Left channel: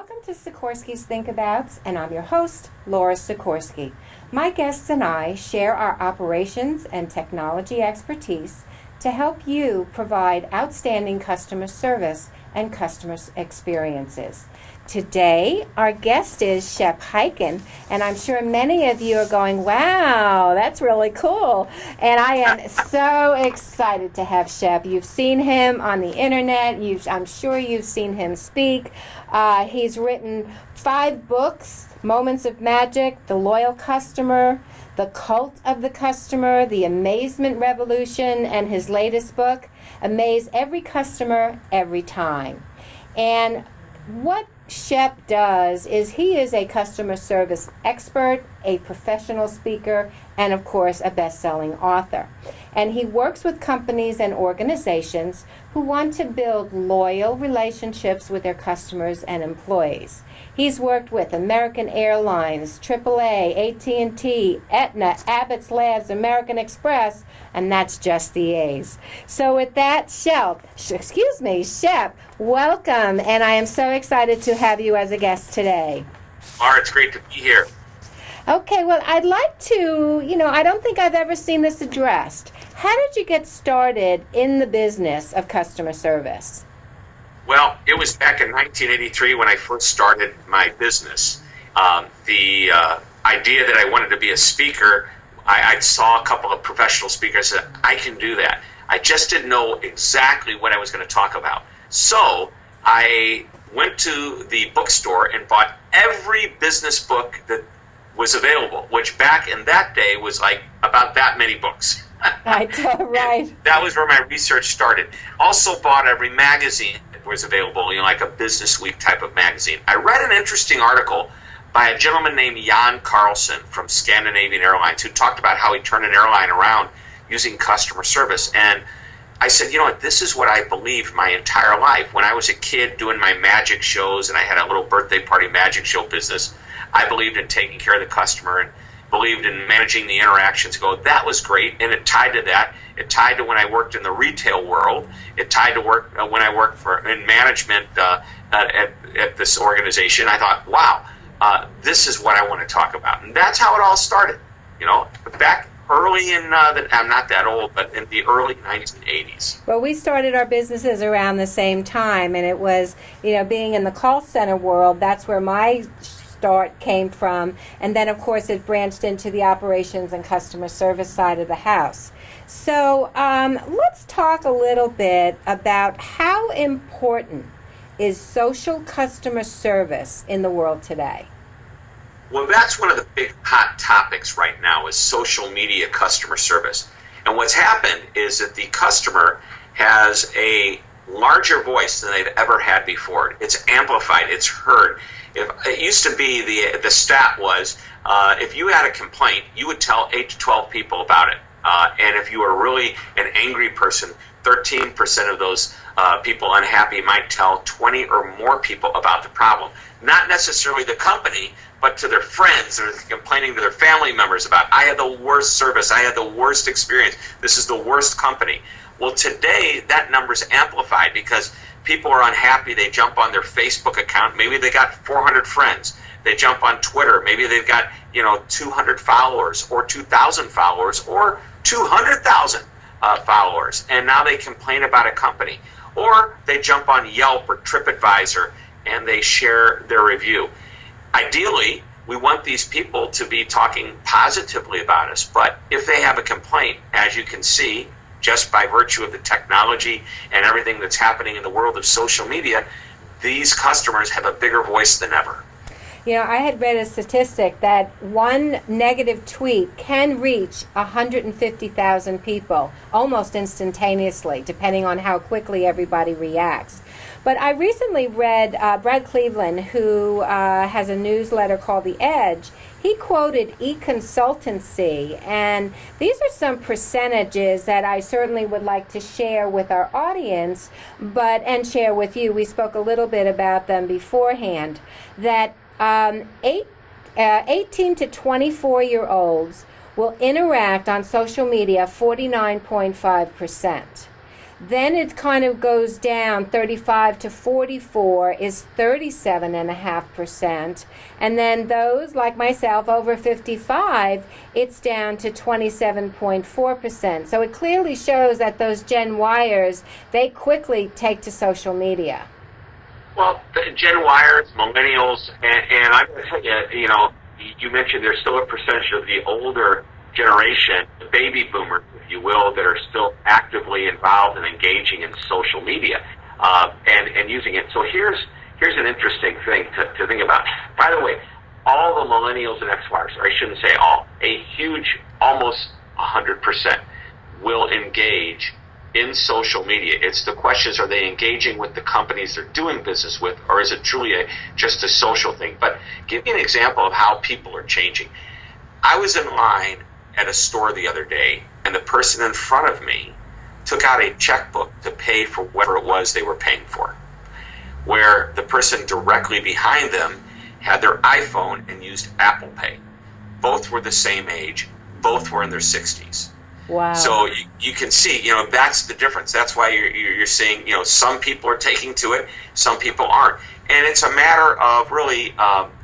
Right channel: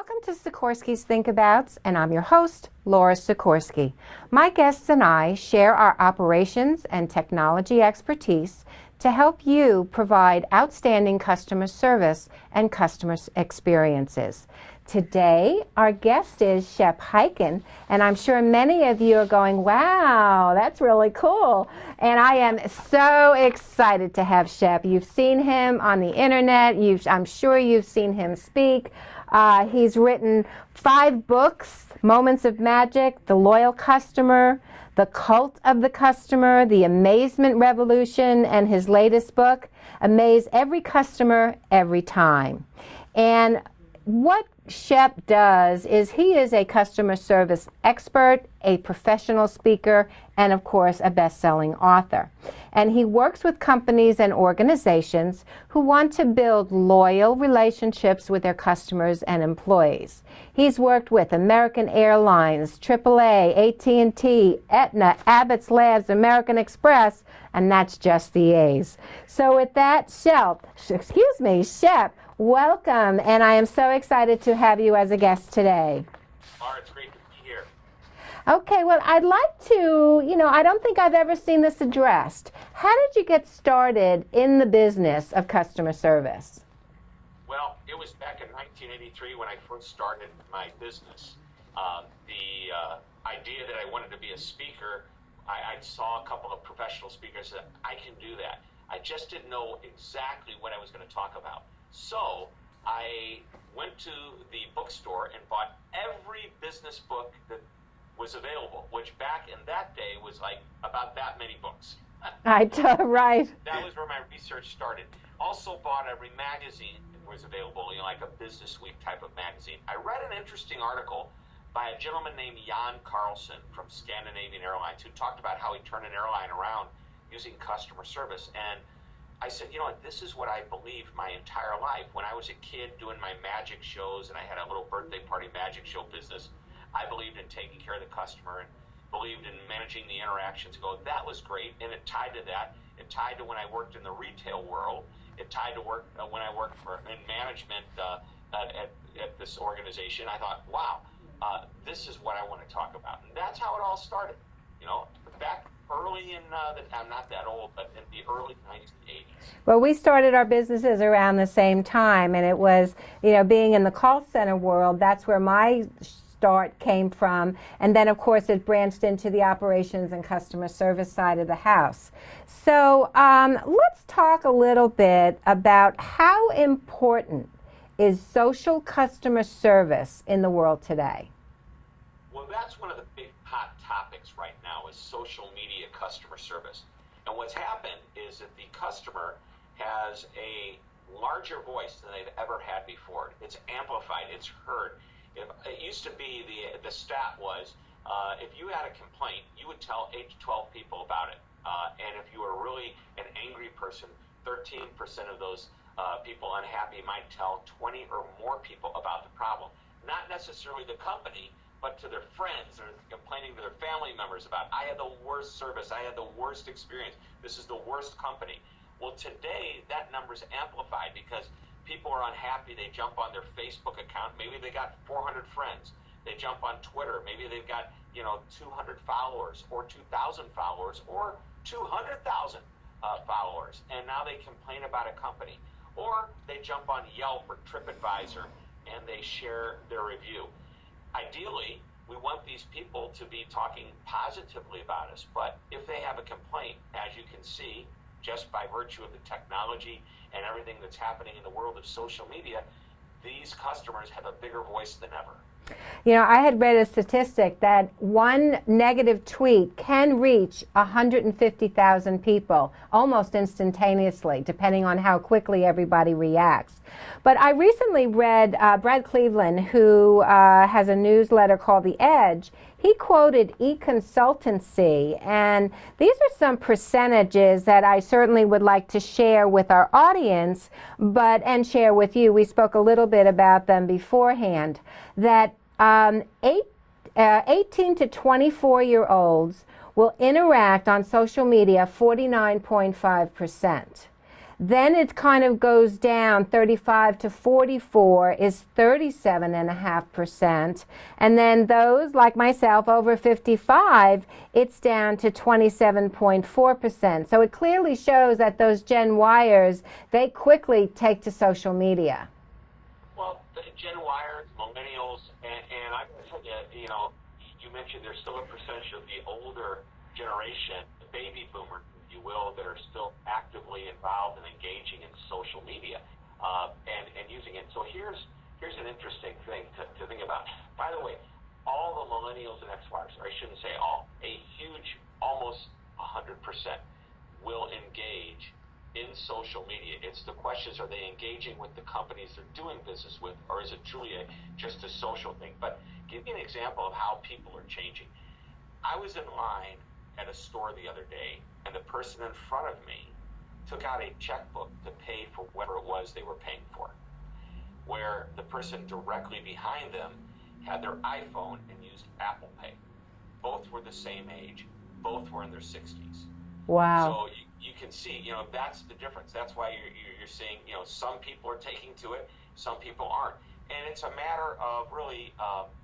Welcome to Sikorsky's Think Abouts, and I'm your host, Laura Sikorsky. My guests and I share our operations and technology expertise to help you provide outstanding customer service and customer experiences. Today, our guest is Shep Hyken, and I'm sure many of you are going, wow, that's really cool. And I am so excited to have Shep. You've seen him on the internet. I'm sure you've seen him speak. He's written 5 books, Moments of Magic, The Loyal Customer, The Cult of the Customer, The Amazement Revolution, and his latest book, Amaze Every Customer, Every Time. And what Shep does is he is a customer service expert, a professional speaker, and of course a best-selling author. And he works with companies and organizations who want to build loyal relationships with their customers and employees. He's worked with American Airlines, AAA, AT&T, Aetna, Abbott's Labs, American Express, and that's just the A's. So with that, Shep, welcome, and I am so excited to have you as a guest today. Laura, it's great to be here. Okay, well, I'd like to, I don't think I've ever seen this addressed. How did you get started in the business of customer service? Well, it was back in 1983 when I first started my business. The idea that I wanted to be a speaker, I saw a couple of professional speakers and said, I can do that. I just didn't know exactly what I was going to talk about. So I went to the bookstore and bought every business book that was available, which back in that day was like about that many books. Right. That was where my research started. Also bought every magazine that was available, like a Business Week type of magazine. I read an interesting article by a gentleman named Jan Carlson from Scandinavian Airlines who talked about how he turned an airline around using customer service. And I said, this is what I believed my entire life. When I was a kid doing my magic shows and I had a little birthday party magic show business, I believed in taking care of the customer and believed in managing the interactions. That was great, and it tied to that. It tied to when I worked in the retail world. It tied to when I worked in management at this organization. I thought, wow, this is what I want to talk about, and that's how it all started. Back early in I'm not that old, but in the early 1980s. Well, we started our businesses around the same time, and it was, being in the call center world, that's where my start came from, and then of course it branched into the operations and customer service side of the house. So let's talk a little bit about how important is social customer service in the world today. Well, that's one of the big hot topics right now is social media customer service. And what's happened is that the customer has a larger voice than they've ever had before. It's amplified, it's heard. It used to be the stat was if you had a complaint, you would tell 8 to 12 people about it. And if you were really an angry person, 13% of those people unhappy might tell 20 or more people about the problem. Not necessarily the company, but to their friends or complaining to their family members about, I had the worst service, I had the worst experience, this is the worst company. Well, today that number's amplified because people are unhappy. They jump on their Facebook account. Maybe they got 400 friends. They jump on Twitter. Maybe they've got 200 followers or 2,000 followers or 200,000 followers, and now they complain about a company. Or they jump on Yelp or TripAdvisor and they share their review. Ideally, we want these people to be talking positively about us, but if they have a complaint, as you can see, just by virtue of the technology and everything that's happening in the world of social media, these customers have a bigger voice than ever. I had read a statistic that one negative tweet can reach 150,000 people almost instantaneously, depending on how quickly everybody reacts. But I recently read Brad Cleveland, who has a newsletter called The Edge. He quoted e-consultancy, and these are some percentages that I certainly would like to share with our audience, and share with you. We spoke a little bit about them beforehand, that 18 to 24-year-olds will interact on social media 49.5%. Then it kind of goes down. 35 to 44 is 37.5%. And then those like myself over 55, it's down to 27.4%. So it clearly shows that those Gen Yers, they quickly take to social media. Well, the Gen Yers, millennials, and I'm going to tell you, you know, you mentioned there's still a percentage of the older generation, the baby boomers, if you will, that are still actively involved and engaging in social media and using it. So here's an interesting thing to think about. By the way, all the millennials and X-Yers, or I shouldn't say all, a huge, almost 100% will engage in social media. It's the question is, are they engaging with the companies they're doing business with, or is it truly just a social thing? But give me an example of how people are changing. I was in line at a store the other day, and the person in front of me took out a checkbook to pay for whatever it was they were paying for, where the person directly behind them had their iPhone and used Apple Pay. Both were the same age, both were in their 60s. Wow. So you can see, you know, that's the difference. That's why you're seeing, you know, some people are taking to it, some people aren't. And it's a matter of really,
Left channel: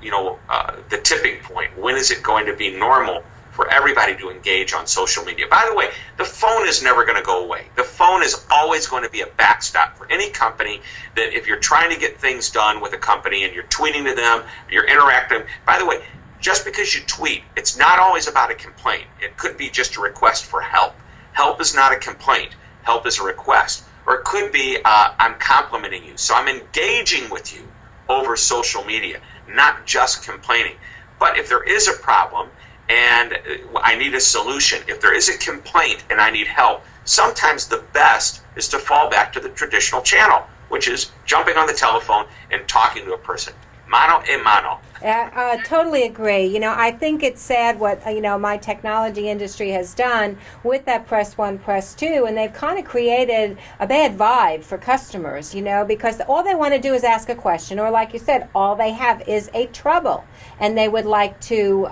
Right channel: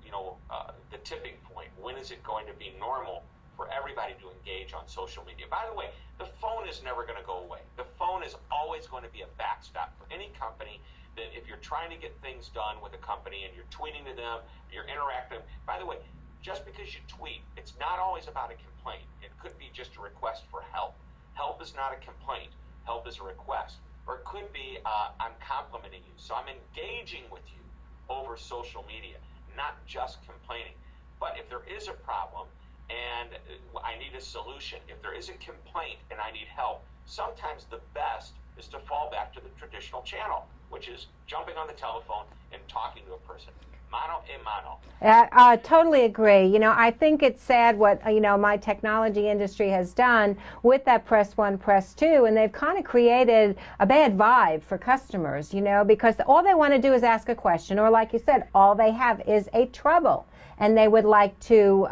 the tipping point. When is it going to be normal for everybody to engage on social media? By the way, the phone is never going to go away. The phone is always going to be a backstop for any company that if you're trying to get things done with a company and you're tweeting to them, you're interacting. By the way, just because you tweet, it's not always about a complaint. It could be just a request for help. Help is not a complaint. Help is a request. Or it could be, I'm complimenting you. So I'm engaging with you over social media, not just complaining. But if there is a problem and I need a solution, if there is a complaint and I need help, sometimes the best is to fall back to the traditional channel, which is jumping on the telephone and talking to a person. Mano a mano. I totally agree. You know, I think it's sad what, my technology industry has done with that press one, press two, and they've kind of created a bad vibe for customers, because all they want to do is ask a question, or like you said, all they have is a trouble, and they would like to,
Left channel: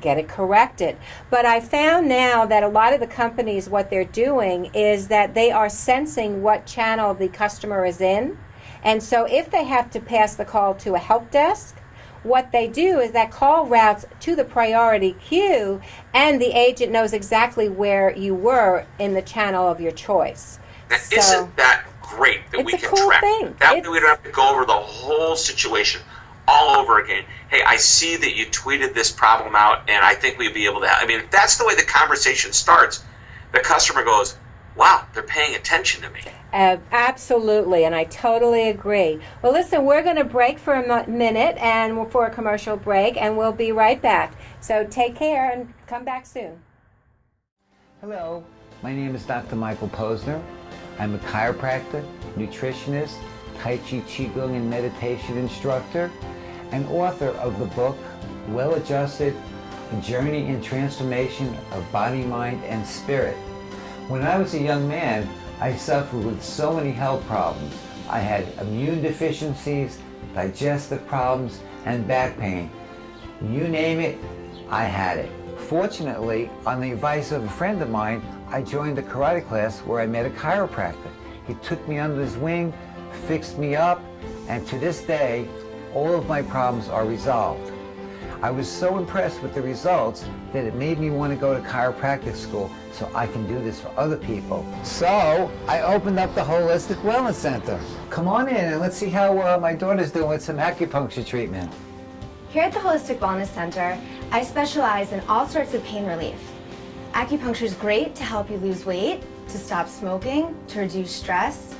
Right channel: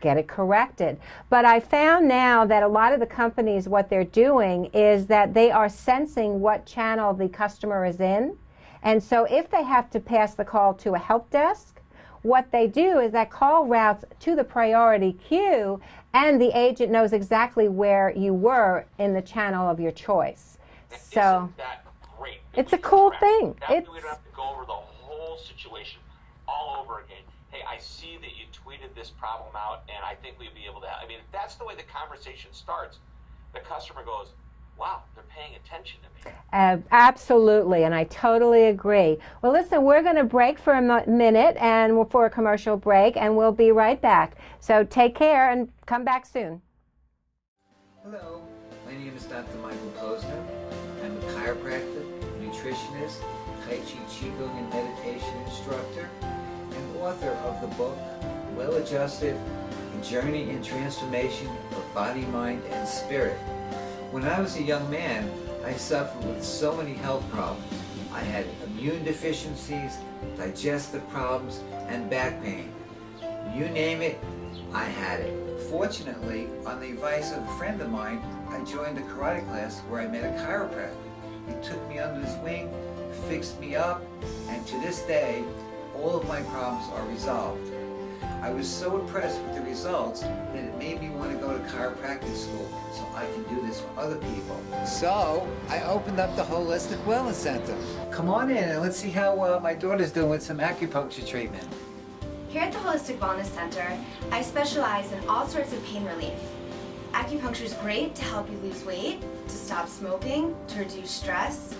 get it corrected. But I found now that a lot of the companies, what they're doing is that they are sensing what channel the customer is in. And so if they have to pass the call to a help desk, what they do is that call routes to the priority queue, and the agent knows exactly where you were in the channel of your choice. Now, isn't that great that we can cool track? Thing. That way we don't have to go over the whole situation all over again. Hey, I see that you tweeted this problem out, and I think we'd be able to help. I mean, if that's the way the conversation starts, the customer goes, wow, they're paying attention to me. Absolutely, and I totally agree. Well, listen, we're going to break for a minute and for a commercial break, and we'll be right back. So take care and come back soon. Hello, my name is Dr. Michael Posner. I'm a chiropractor, nutritionist, Tai Chi Qigong and meditation instructor, and author of the book, Well Adjusted, A Journey in Transformation of Body, Mind, and Spirit. When I was a young man, I suffered with so many health problems. I had immune deficiencies, digestive problems, and back pain. You name it, I had it. Fortunately, on the advice of a friend of mine, I joined a karate class where I met a chiropractor. He took me under his wing, fixed me up, and to this day, all of my problems are resolved. I was so impressed with the results that it made me want to go to chiropractic school so I can do this for other people. So I opened up the Holistic Wellness Center. Come on in and let's see how my daughter's doing with some acupuncture treatment. Here at the Holistic Wellness Center, I specialize in all sorts of pain relief. Acupuncture is great to help you lose weight, to stop smoking, to reduce stress.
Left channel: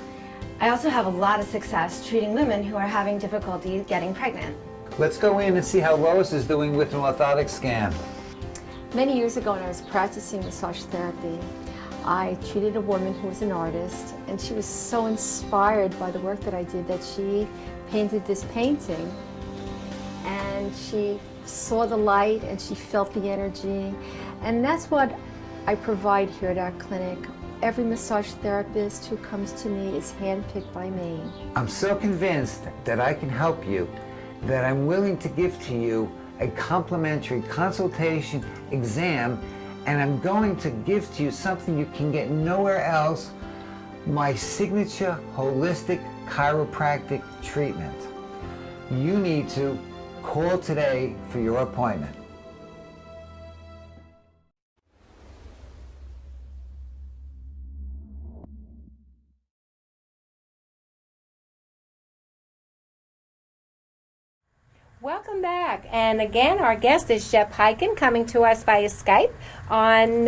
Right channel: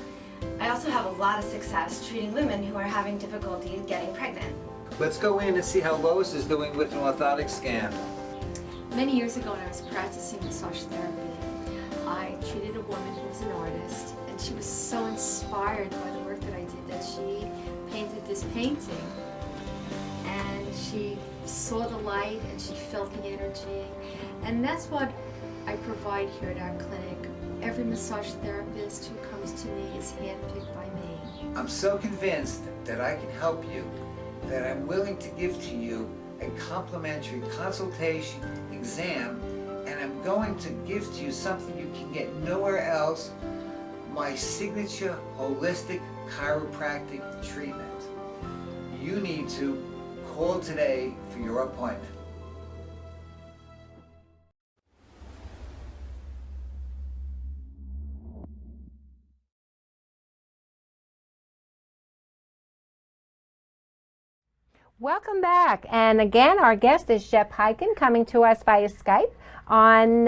I also have a lot of success treating women who are having difficulty getting pregnant. Let's go in and see how Lois is doing with an orthotic scan. Many years ago when I was practicing massage therapy, I treated a woman who was an artist, and she was so inspired by the work that I did that she painted this painting, and she saw the light and she felt the energy, and that's what I provide here at our clinic. Every massage therapist who comes to me is handpicked by me. I'm so convinced that I can help you that I'm willing to give to you a complimentary consultation exam, and I'm going to give to you something you can get nowhere else my signature holistic chiropractic treatment. You need to call today for your appointment. Welcome back. And again, our guest is Shep Hyken, coming to us via Skype on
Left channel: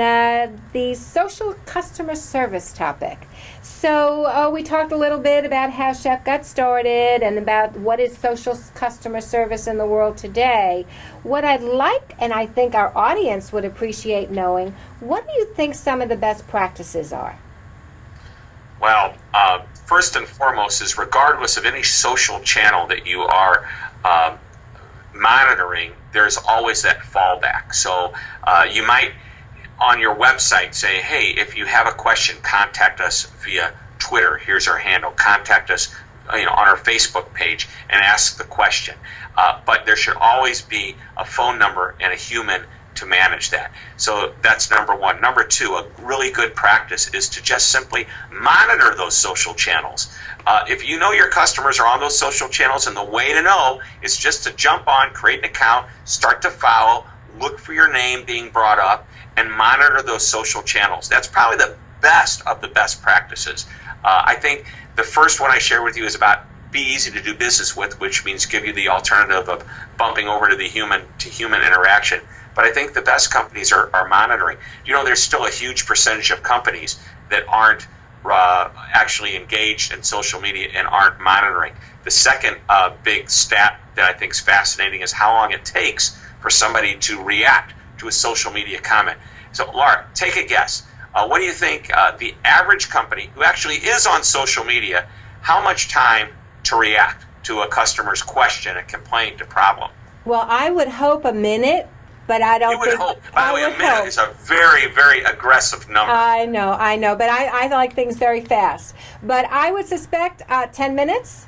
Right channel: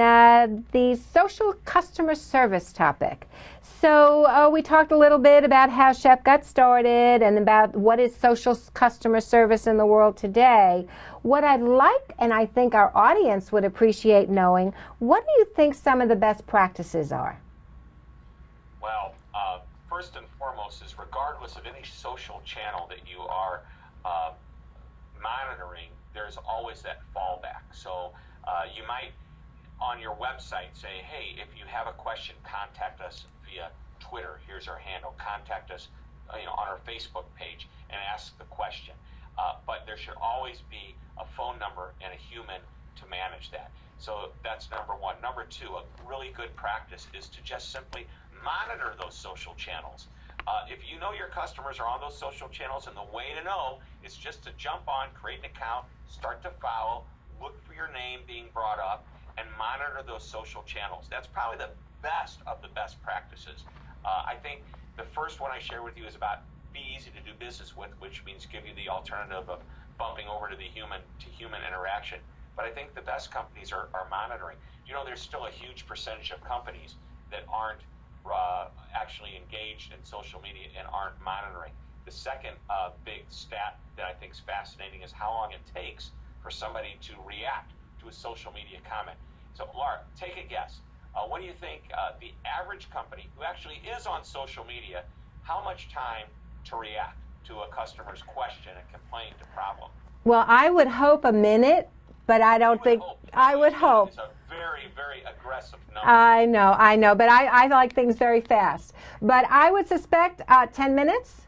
the social customer service topic. So we talked a little bit about how Shep got started and about what is social customer service in the world today. What I'd like, and I think our audience would appreciate knowing, what do you think some of the best practices are? Well, first and foremost is regardless of any social channel that you are monitoring, there's always that fallback. So you might on your website say, hey, if you have a question, contact us via Twitter. Here's our handle. Contact us on our Facebook page and ask the question. But there should always be a phone number and a human to manage that. So that's number one. Number two, a really good practice is to just simply monitor those social channels. If you know your customers are on those social channels, and the way to know is just to jump on, create an account, start to follow, look for your name being brought up, and monitor those social channels. That's probably the best of the best practices. I think the first one I share with you is about be easy to do business with, which means give you the alternative of bumping over to the human interaction. But I think the best companies are monitoring. There's still a huge percentage of companies that aren't actually engaged in social media and aren't monitoring. The second big stat that I think is fascinating is how long it takes for somebody to react to a social media comment. So, Laura, take a guess. What do you think the average company who actually is on social media, how much time to react to a customer's question, a complaint, a problem? Well, I would hope a minute. But I don't think... You would hope. By the way, a minute is a very, very aggressive number. I know. But I like things very fast. But I would suspect 10 minutes?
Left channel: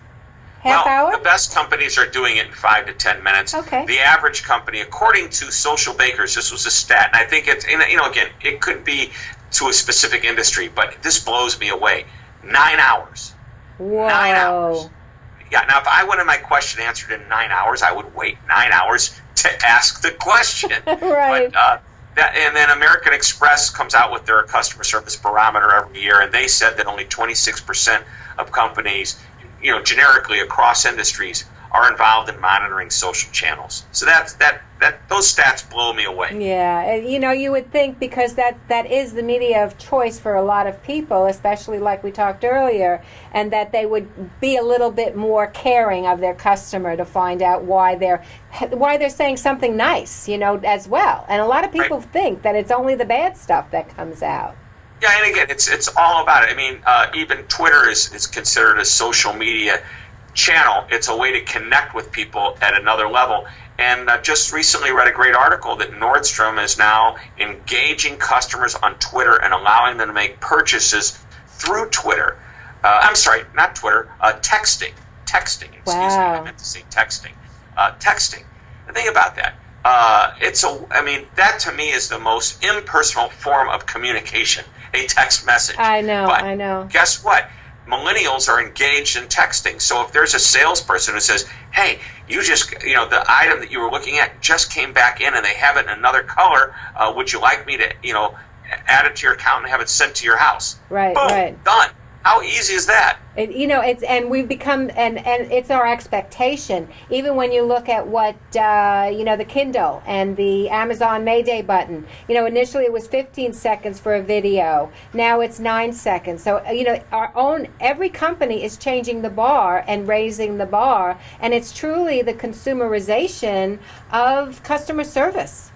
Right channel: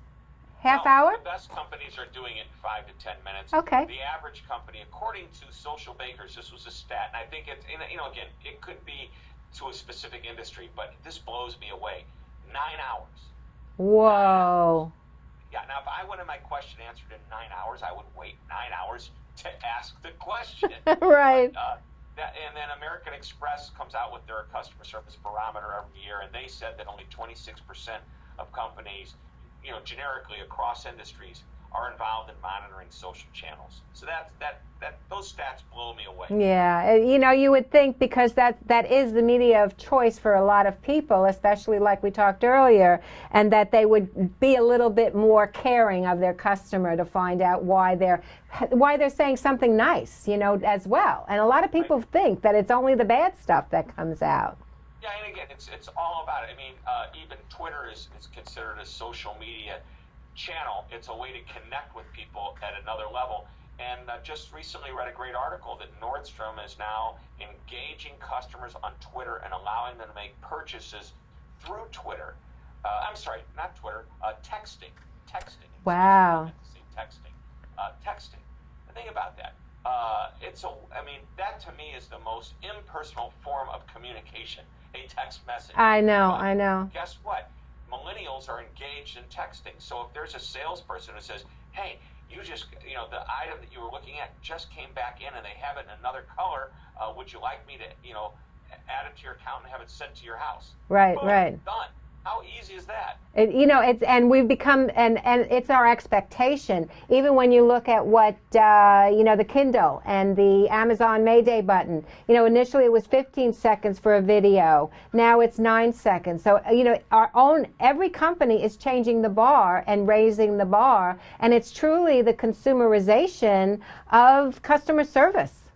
Half hour? The best companies are doing it in 5 to 10 minutes. Okay. The average company, according to Social Bakers, this was a stat, and I think it's, again, it could be to a specific industry, but this blows me away. 9 hours. Whoa. 9 hours. Yeah, now if I wanted my question answered in 9 hours, I would wait 9 hours to ask the question. Right. But, and then American Express comes out with their customer service barometer every year, and they said that only 26% of companies, generically across industries, are involved in monitoring social channels. So those stats blow me away. Yeah, you would think because that is the media of choice for a lot of people, especially like we talked earlier, and that they would be a little bit more caring of their customer to find out why they're saying something nice, as well. And a lot of people think that it's only the bad stuff that comes out. Yeah, and again, it's all about it. I mean, even Twitter is considered a social media channel. It's a way to connect with people at another level. And I just recently read a great article that Nordstrom is now engaging customers on Twitter and allowing them to make purchases through Twitter. I'm sorry, not Twitter, texting. Excuse me, I meant to say texting. Texting. The thing about that, that to me is the most impersonal form of communication, a text message. I know, but I know. Guess what? Millennials are engaged in texting. So if there's a salesperson who says, hey, you just, the item that you were looking at just came back in and they have it in another color, would you like me to, add it to your account and have it sent to your house? Right, Boom, right. done. How easy is that? We've become, and it's our expectation. Even when you look at what, the Kindle and the Amazon Mayday button, initially it was 15 seconds for a video. Now it's 9 seconds. So, every company is changing the bar and raising the bar. And it's truly the consumerization of customer service.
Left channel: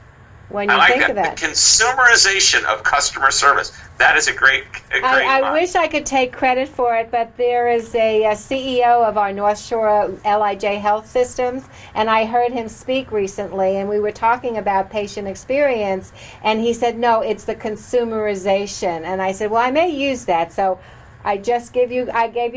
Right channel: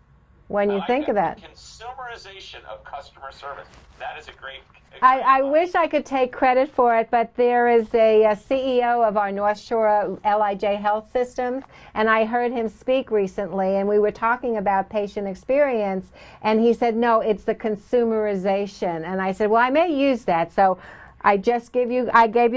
When you think of that. The consumerization of customer service. That is a great I wish I could take credit for it, but there is a CEO of our North Shore LIJ Health Systems, and I heard him speak recently, and we were talking about patient experience, and he said, no, it's the consumerization. And I said, well, I may use that. So I gave you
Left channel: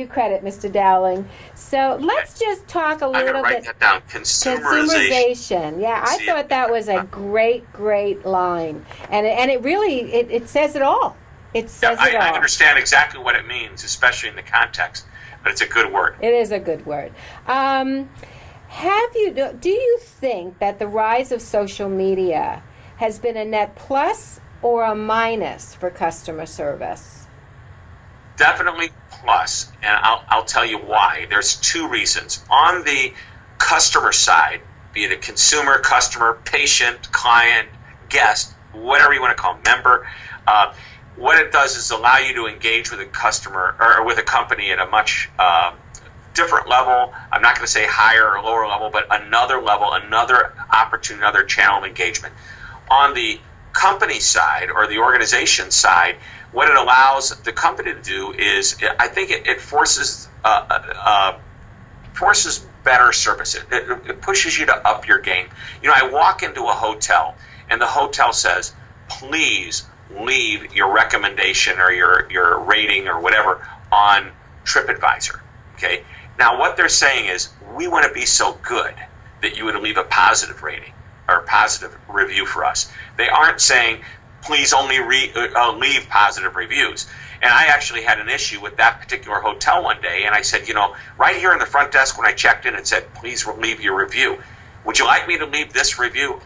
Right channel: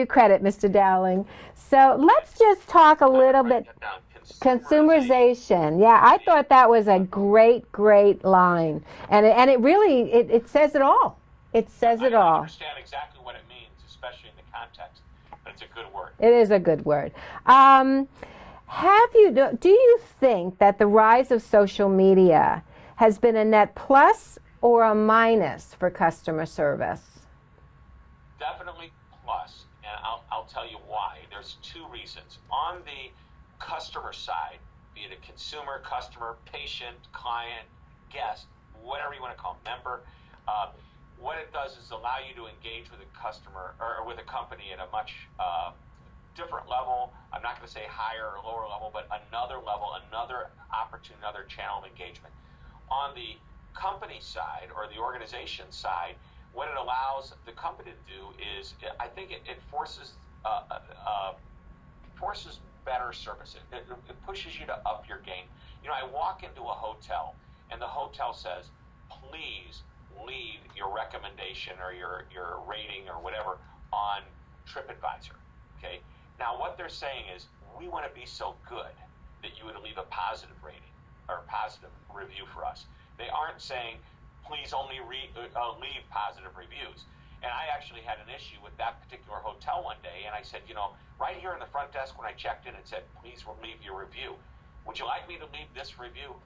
credit, Mr. Dowling. So let's just talk a little bit. That down. Consumerization. Yeah, I thought that was a great line, and it really it says it all. It says it I all. understand exactly what it means, especially in the context, but it's a good word. It is a good word. Do you think that the rise of social media has been a net plus or a minus for customer service? Definitely plus, and I'll tell you why. There's two reasons. On the customer side, be it a consumer, customer, patient, client, guest, whatever you want to call them, member, what it does is allow you to engage with a customer or with a company at a much different level. I'm not going to say higher or lower level, but another level, another opportunity, another channel of engagement. On the company side or the organization side, what it allows the company to do is, I think it forces better service. It pushes you to up your game. You know, I walk into a hotel and the hotel says, please leave your recommendation or your rating or whatever on TripAdvisor. Okay. Now what they're saying is, we want to be so good that you would leave a positive rating or a positive review for us. They aren't saying, please only leave positive reviews. And I actually had an issue with that particular hotel one day, and I said, you know, right here in the front desk when I checked in, it said, please leave your review. Would you like me to leave this review?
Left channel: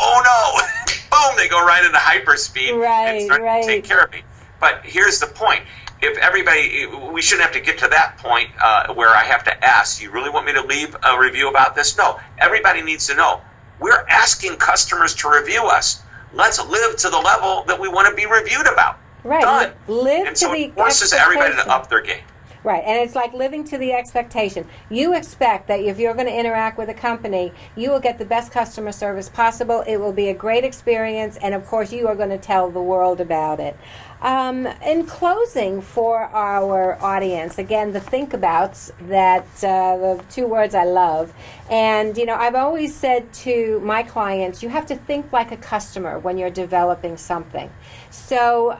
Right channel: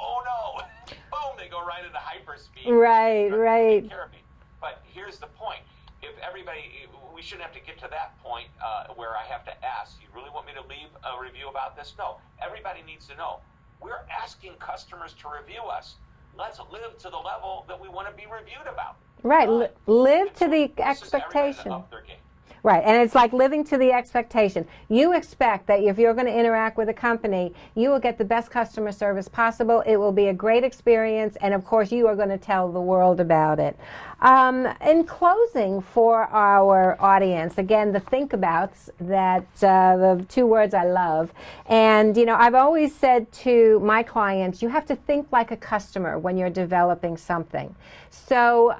Oh no! Boom! They go right into hyperspeed and start to take care of me. But here's the point. If everybody, we shouldn't have to get to that point where I have to ask, you really want me to leave a review about this? No. Everybody needs to know. We're asking customers to review us. Let's live to the level that we want to be reviewed about. Right. Done. Live and to so the it forces everybody to up their game. Right, and it's like living to the expectation. You expect that if you're going to interact with a company, you will get the best customer service possible. It will be a great experience, and of course, you are going to tell the world about it. In closing, for our audience, again, the think abouts, that the two words I love. And, you know, I've always said to my clients, you have to think like a customer when you're developing something. So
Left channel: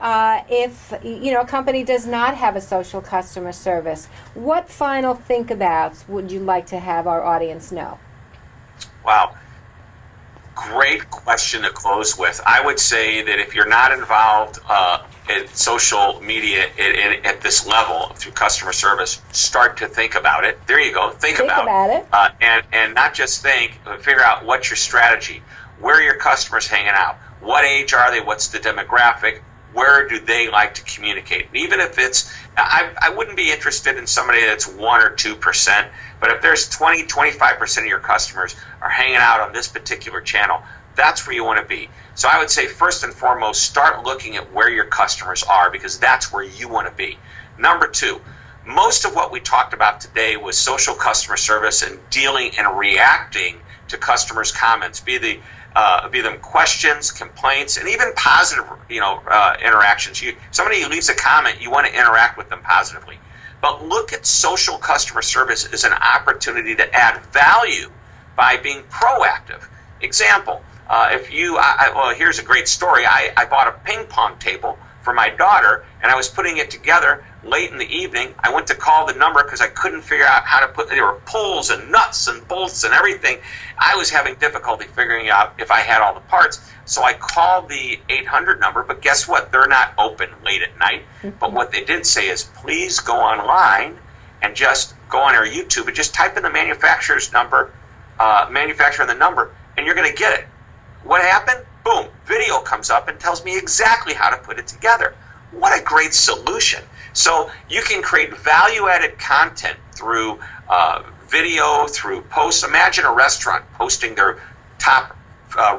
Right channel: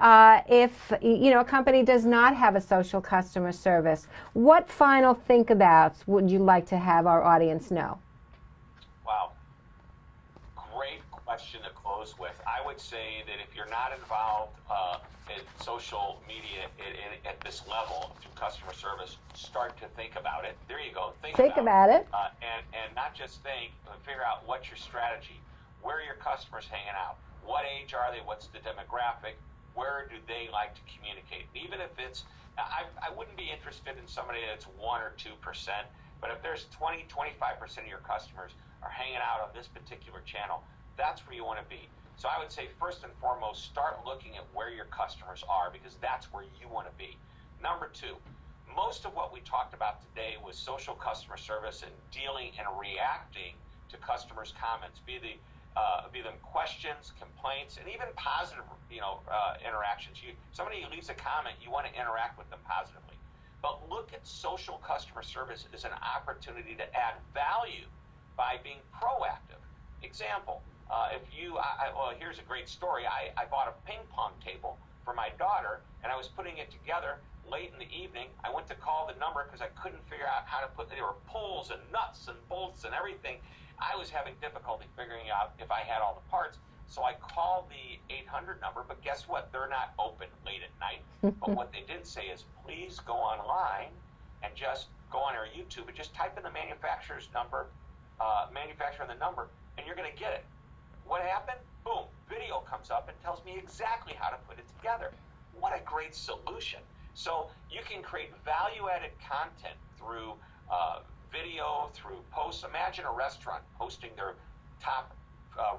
if, you know, a company does not have a social customer service, what final think abouts would you like to have our audience know? Wow. Great question to close with. I would say that if you're not involved in social media at this level through customer service, start to think about it. There you go. Think about it. And not just think, but figure out what's your strategy. Where are your customers hanging out? What age are they? What's the demographic? Where do they like to communicate? And even if it's, I wouldn't be interested in somebody that's 1 or 2%, but if there's 20, 25% of your customers are hanging out on this particular channel, that's where you want to be. So I would say first and foremost, start looking at where your customers are, because that's where you want to be. Number two, most of what we talked about today was social customer service and dealing and reacting to customers' comments, be them questions, complaints, and even positive, interactions. Somebody leaves a comment, you want to interact with them positively. But look at social customer service as an opportunity to add value by being proactive. Example, here's a great story. I bought a ping pong table for my daughter, and I was putting it together late in the evening. I went to call the number because I couldn't figure out how to there were pulls and nuts and bolts and everything. I was having difficulty figuring out if I had all the parts. So I called the 800 number, but guess what? They're not open late at night. But what they did say is, please go online and just go on our YouTube and just type in the manufacturer's number, manufacturer and the number, and you're going to get it. What happened? Boom, video comes up and tells me exactly how to put it together. What a great solution. So you can create value-added content through video, through posts. Imagine a restaurant posting their top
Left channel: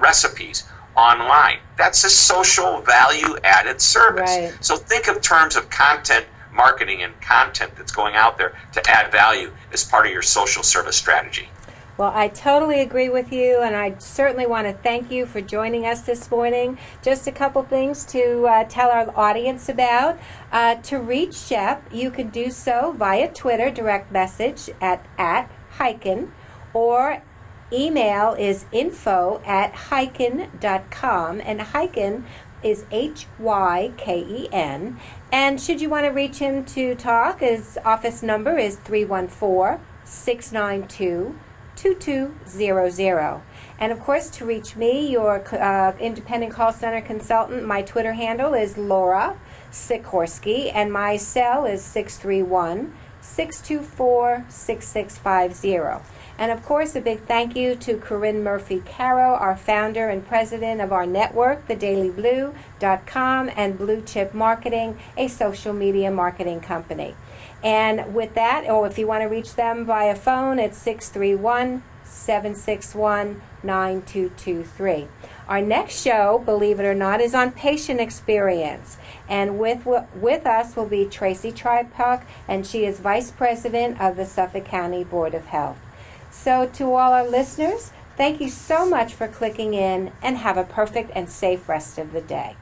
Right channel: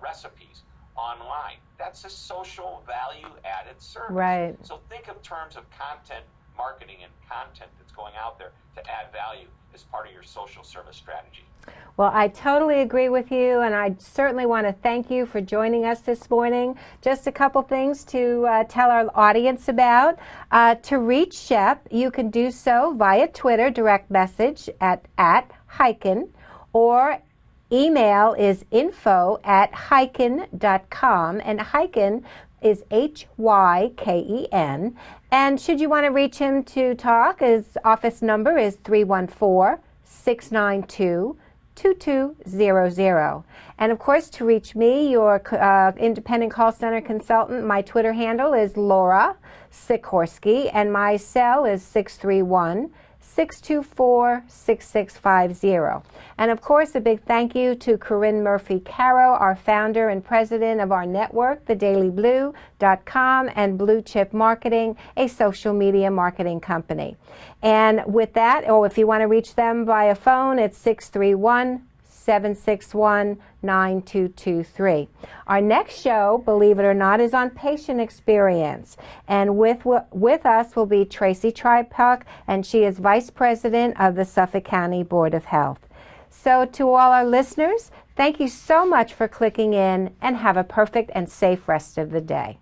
recipes online. That's a social value-added service. Right. So think of terms of content marketing and content that's going out there to add value as part of your social service strategy. Well, I totally agree with you, and I certainly want to thank you for joining us this morning. Just a couple things to tell our audience about. To reach Shep, you can do so via Twitter, direct message at Hyken, or email is info@hyken.com, and Hyken is Hyken. And should you want to reach him to talk, his office number is 314-692-2200. And of course, to reach me, your independent call center consultant, my Twitter handle is Laura Sikorsky, and my cell is 631-624-6650. And of course, a big thank you to Corinne Murphy-Caro, our founder and president of our network, thedailyblue.com, and Blue Chip Marketing, a social media marketing company. And with that, or if you want to reach them via phone, it's 631-761-9223. Our next show, believe it or not, is on patient experience. And with us will be Tracy Tripuck, and she is Vice President of the Suffolk County Board of Health. So to all our listeners, thank you so much for clicking in, and have a perfect and safe rest of the day.